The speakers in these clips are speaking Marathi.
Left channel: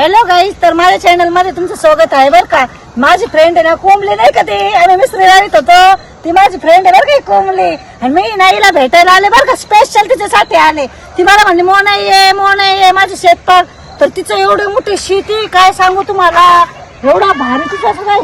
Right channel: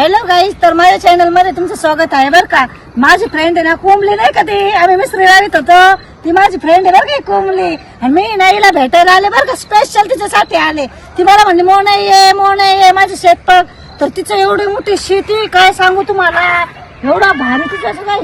हॅलो गाईज तर माझ्या चॅनलमध्ये तुमचं स्वागत आहे बरं का? माझी फ्रेंड आहे ना कोंबली नाही का ती? आम्ही मिसरी गाडीत होतो. ती माझी फ्रेंड आहे बरं का कोंबली? आणि मी नाईला भेटायला आले बरं का? स्पेशल तिच्यासाठी आले. ती मला म्हणली मो नाही आहे मो नाही आहे माझी शेतपाक तर तिचं एवढी मोठी शेती काय सांगू तुम्हाला? एवढा भारी तिचा सगळा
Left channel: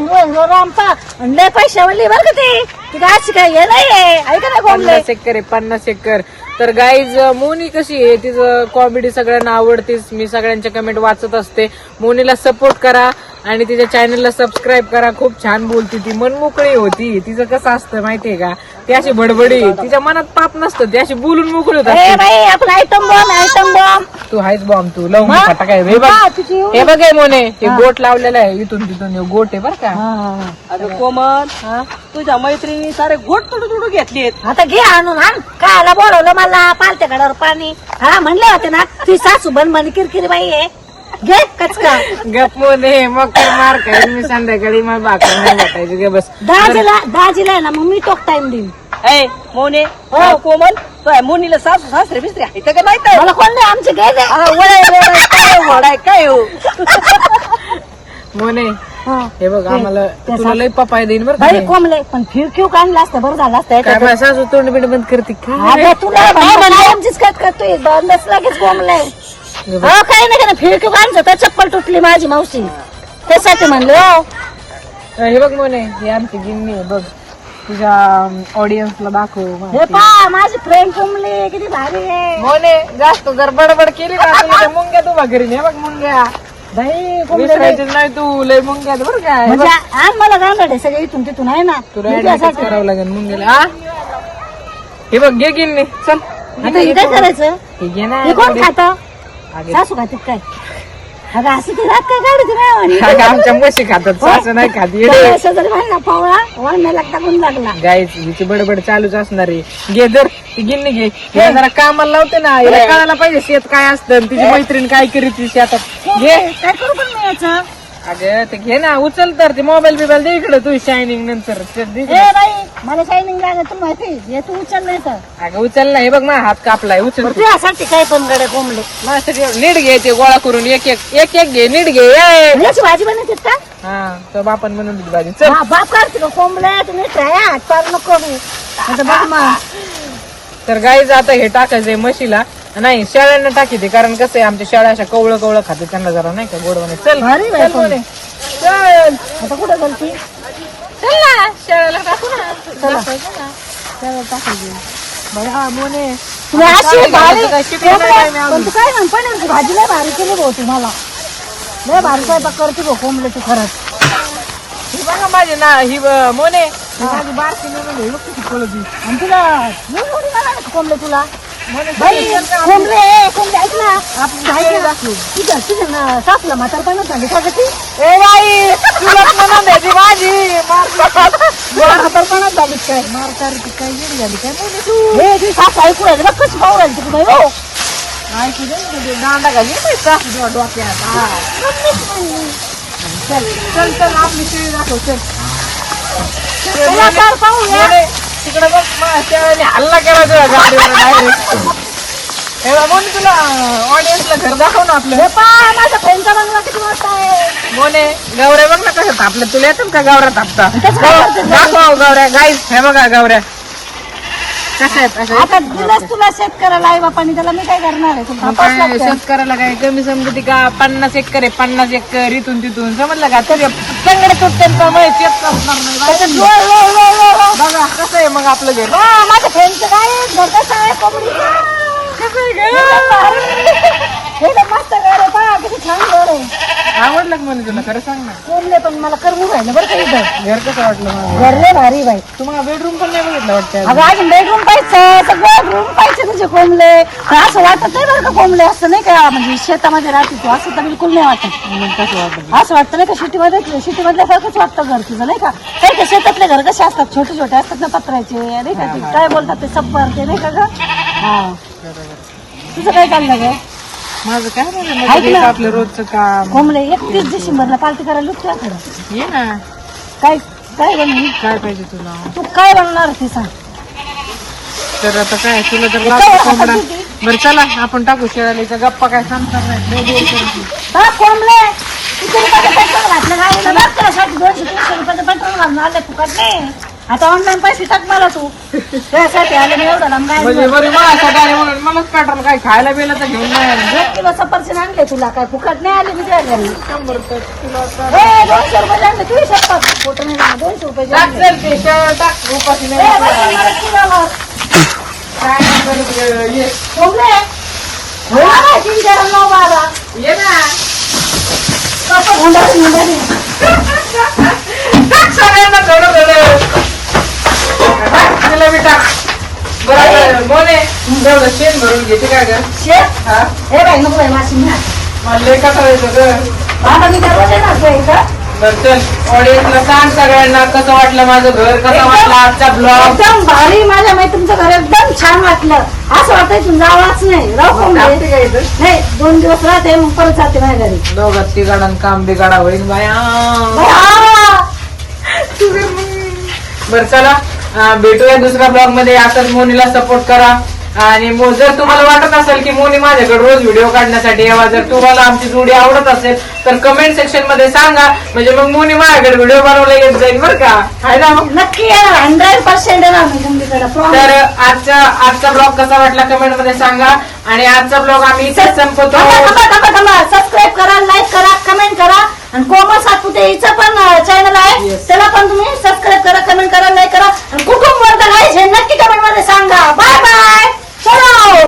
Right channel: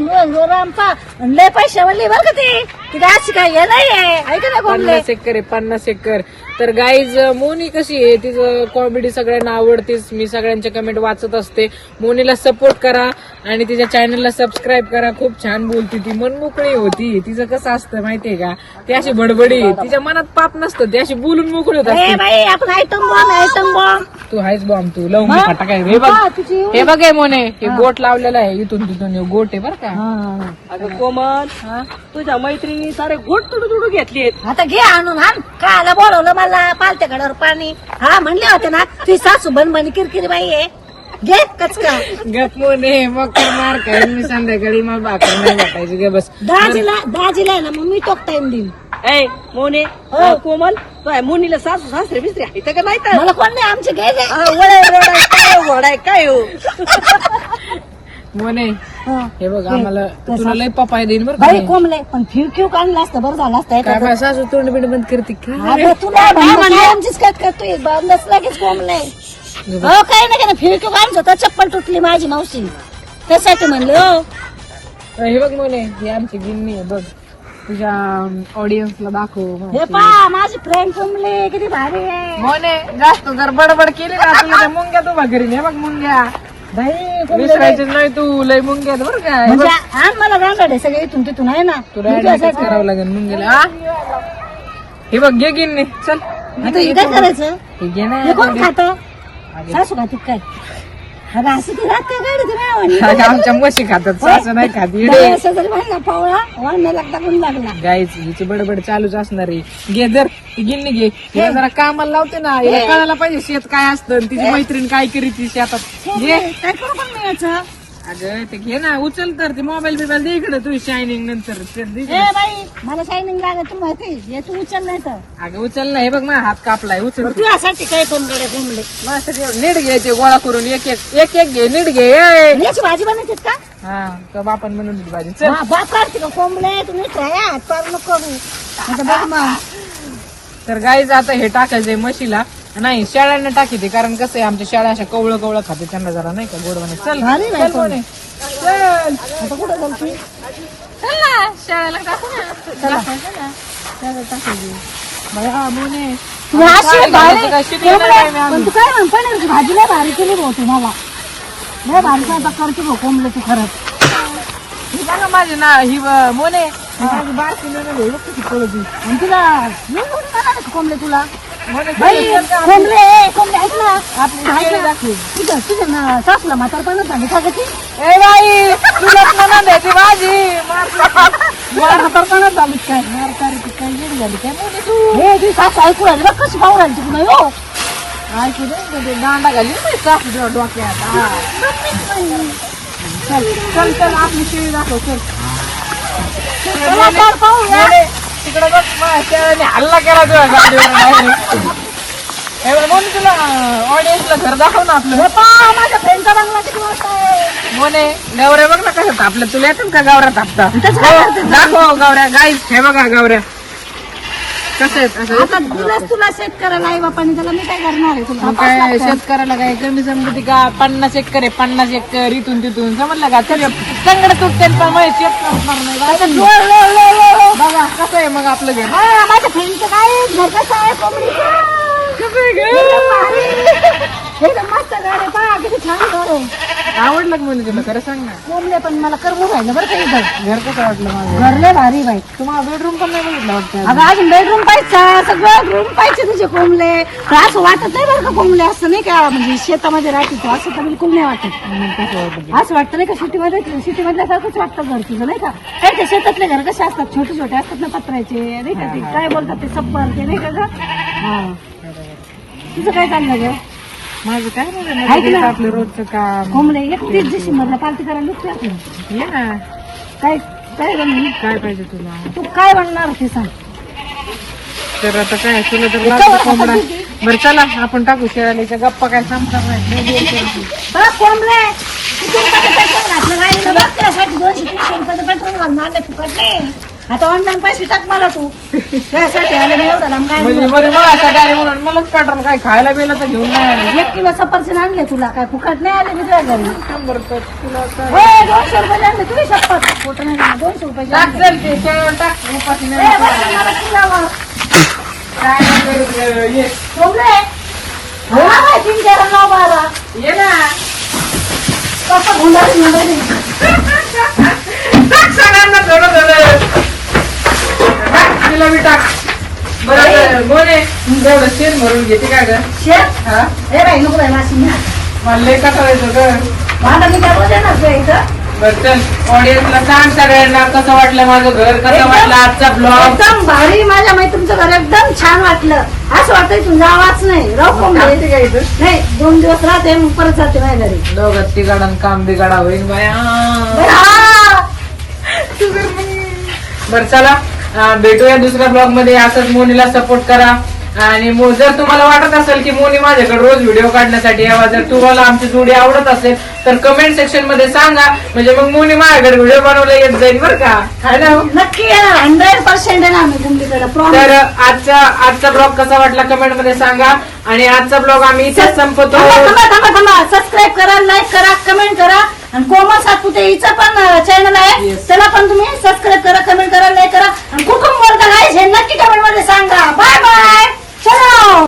आणि लय पैशावाली बरं का ती? ती काय अशी काय हे नाही आहे ऐका ना कोंबली. पन्नास एकर आहे पन्नास एकर. तर गाईज मोनी कशी आहे? तिचं कॉमेडी सगळ्यांना आवडतेच. मी सगळ्यांच्या कमेंट वाचत असते. मोनीला सपोर्ट करा आणि तिच्या चॅनलला सबस्क्राईब करा. खूप छान बोलते ती. मनमोकळी होती. तिचं कसं असतं माहितीये का? ती अशी बडबडी. तिच्या मनात पाप नसतं. ती अशी बोलून मोकळी होत असते. तू आहेस बॉम्ब तू लवून हा? फाटा काय? हे बघ. हा, तुझी एवढी- हे बघ हे मोने हे गोट लावलेलं आहे इथून तिथून हे गोट आहे बरं का. हा, हा, अगं कोमल हा. तुझ्या मैत्रिणी सारे गोट तुडू तुडू घेतलीत आता घे आणून आण कायला बोलवलं मला पालत्या गडावर पाणी. हा म्हणले होते ना ती सासू बनबनी किरकिरी बाई आहे. घे कचका. गप मोने मग कर मार काय मी संध्याकाळी मग भाकर नाही भेटायची. गे बस. दाजीला दाजीला आहे ना मग मी टोक टाइम देईन. ए मोने हो. कोमल तुझ्या मोनीला सासू सासरे बिसरे आहे का मला कोण नाही आमचे घे आ, वडाय, वडाय, काय वडाय, काय हो? मोने हा. हे बघ आम्हाला तुला लय पपाय देईन बरं का मी. कोंबले पण काढलं असतं बरं झालं असतं काय. माझ्या सासू तोंड बिंड बंद करते काय तुला म्हणलं काय आमचीच कट करतोय बंदच लगेच कोंबले हे बघ. हो काय नाही का फिर क्यू काढलं तर चप्पल तुटली माझी मावशी. त्यासाठी म्हणलं हो. हे बघ मोने ही आमची गिन्नी आहे बघ. तुझ्या ऑडियन्सला दाखव. हे पा माझी फ्रेंड कोंबली किती भारी आहे. मोने जास्त जर बडबड केली ना तुला तर मुंग्या तू घरी हे बग मुंग्या. बाई कोंबले विसरायचं नाही तू लय मुंग्या आहेत बरं का हे म्हणजे बघ, गांडा आहे सगळे इथून तिथून आहे ना. तुला करावं लागेल मुंग्याला हा? हे बघ घे गिन्नी चल. आता हे काय करायचं? तू घे ना हे कोण खात? सासू खातात काय? अगं अशी ती रात काय गाडी तुम्ही अगं, आमच्या म्हशी खातात सासू नाही खात. शेजारी भांडला पावळा वाढण्या लागता पण लागला हिची बडबड चालूच असणार आहे. घे ती गिन्नी घे. हिला जरा कामाला लावते ना हिला कळायला पाहिजे शेत काय असतं आणि तिची मैत्रीण काय करीत ती शेतात. घे. काय करू पण मी याचं? अगं ते घे ना उचल तर ते मोबाईल बिबाईल दे इकडे तू शायनिंग नंतर. ते दे. ए इकडे. बाई मला शायनिंग लागत तुला माहिती तू उचल नाही तर. अगं उचल ना हे बघ माझा हात कापलाय. उचल तू. तुझ्यासाठी काय पण गडे कोंबले नीट घे ते गोळा करून. एक एक एक एक घे. नीट घे. ए. याची भाजी बनवते का? हा तो बापन म्हणून दिली भाजी. चल. बाप काढते का कोंबले तुम्ही ट्राया हात पार नको करू. आता बघ मग तर गाईज आता हे टाकायचंय म्हशीला. नाही शेळ्यांना टाकी ते कारण कसं आहे आमच्या शेळ्या अशा कवळं कवळं खाते त्यांना जरा नाही का गोड म्हणे. चल. भारी चल नाही पण. म्हणे. चल. आता कुठं गेलती चल ना शेळ्याला टाकू ना चला चला टाकायची बाई, हा मोने तुम्ही अशी काय भारी- काय शिकलो हो नाही का? आम्ही. पण तू काय म्हण पनीरची भाजी लय भारी केली भाऊ तुम्हाला लय भारी स्वयंपाक करते भाऊ कोंबल्याची खरंच ही बघा माझी ना ही ब- मोने ही माझी बारकी नेलेली आहे. बघ किती पळती. आणि तुला येऊन येऊन मला नाही का कोंबले तुला सासूला म्हातारपणात झाली का ती ए बाई तुलाच म्हणून द्यायची भाजी मारली. म्हातारपणात झाली काय मारकार ती काय येडी झाली? काय मोठी तू हे ती सासू ऐकू राहिली बघ कशी पाहू राहिली बाई हो? ऐकू दे दांडा घाली सासू डोक्यात. हा. चल चल चल आपली शेळी दाखव चल. मोने, तिकडे बघ हल्ला केला तुझ्या गाडीवर डायरेक्ट हे मोने तुला ऑडियन्सला घर दाखव ना आपलं. हे पा माझ्या फ्रेंडचा बंगला किती मोठा आहे. मोने गौऱ्या बघ ना कसं तापलं. तुला येतात का गावऱ्या तापता? दाखव गौऱ्या गाईस हे बघा गौऱ्या कसं आहेत असं आता तुलाच तुला शेतकऱ्याला आई बापाने त्याला मी काय करणार आहे तुला? मग तपास काय लागतं. शेतकऱ्याला काय कमी समजते का? पन्नास एकर आहे पन्नास एकर इथून तिथून. समजलं का? तुझ्या तंगड तुटते त्यामुळे शेत करणार नाही. त्याचं लो, लो, लो, लो, लो. बघा कसं आहे मग आपलं घर. हा, माझ्या फ्रेंडचं काय घर आहे? भारी. एकदम मस्त घर आहे पहा, किती छान घर आहे. आवडलं का म्हणे तुला? खरं सांग ना. कोंबले पण मला करून राहिलं बरं का इथं? घर कसं वाटलं माझं घर लय भारी बाई. तुम्हाला बेडरूम पण नाही बघितलं वाटतं अगं अजून बेडरूम पाहिजे सगळं रूम पाहिजे तुझे कोंबले. तर असं वाटत नाही बरं का कोंबले असं नाही का म्हणजे शेतामध्ये राहते तू असं तर बिलकुल नाही वाटत. मग कसं असं वाटतं नाही का सिटीमध्ये सिटीमधल्यासारखंच वाटतं घर तुझं नाही का? काही काही शेतातले घर कसे असतात? छोटे छोटे असतात ना पत्र्याचे नाही का? ते काय बोलतात ते सप्पर ते नाही का ग? हा. तुझं काय चाललं ग? माझं काय नाही ऐक माझं ना. आपलं रोजचं काम. कोंबले एकतीस डिसेंबरला पार्टी करायला लुटते ये ना. काय काय बनवू काय पाहिजे तुला? तू काय बनणार ते सांग. तर आता काय तुला तर कवर लागतं हातात कोंबडा. बरं चला आपण टाकू शेळालीच्या गप्पा काय सांगतात नाही. हा रुपयाचं पेट्रोल घातलं. गाडीला बघ त्यासाठी दोनशे तीनशे रुपयाचं पेट्रोल घालून आले फुकट नाही आता ऑनलाईन पैसे टाक मला तू. त्यासाठी आले मी एवढं लांब म्हणजे गाडी बरं माझ्यासाठी आले म्हणून मलाच पेट्रोल काय खायला बिलं तर घेऊन नाही आले. एक किलो सफरचंद आणले तुला काय फुकट नाही आले मी शंभर रुपये किलो तर ए, दोनशे रुपये आणले तुझी नाही म्हणा, दोनशे रुपये टाक आणले. चल ते शेळ टाक उपाशी ए, नाही. बस मला तुझ्यावर. काय नाही करत ग, ये. हो ना. बाई, ये सगळ्यांना थोडं थोडं. टाक तिला बी टाक. बरं आता मोने एवढं शेण भरून घेते काय ग? शेत हा? बाई नको बाई माशी मला लय कसं येतो ग? आता मी येणार तुझ्या इथं. बरं चल. ऑडियन्सला सांग सगळ्यांना कसं वाटलं माझं घर कसं वाटलं आजचा ब्लॉग एकदम भारी माझ्या माहिती तुमचं घर एकदम छान वाटलं. असं वाटतं तू जावाच नाही. राहू इथं? नाही दोन दिवस राहते मग परत जाते माझ्या घरी. दोघात तिघाडन काम बिगाडा होईल बाया. बाई, आ! बरं चला. भेटूया दुसऱ्या ब्लॉगमध्ये. असंच मोनीला सपोर्ट करा. आणि जर तुम्हाला वाटत असेल की मोनी माझ्याकडे रोज व्हिडिओ काढण्यासाठी यावा जर तुम्हाला आमची जोडी आवडत असेल तर कमेंट सेक्शनमध्ये सांगा. म्हणजे मग मोनी माझ्याकडे व्हिडिओ बनवला येत जाईल बरं का. आहे ना मग नक्की हंड्रेड पर्सेंट तर आजचा आजचा ब्लॉग कसा वाटला कमेंटमध्ये सांगा. आणि आजचा ब्लॉग आम्ही इथेच थांबा सबस्क्राईब करा लाईक करा कमेंट करा. आणि कोमल सातपुते हिचं पण चॅनल आहे. Yes. त्याला पण तुम्ही सबस्क्राईब करा कमेंट करा लाईक करा. आणि कुटुंब वर्ग आहे हे नक्की कमेंटमध्ये सांगा. Bye bye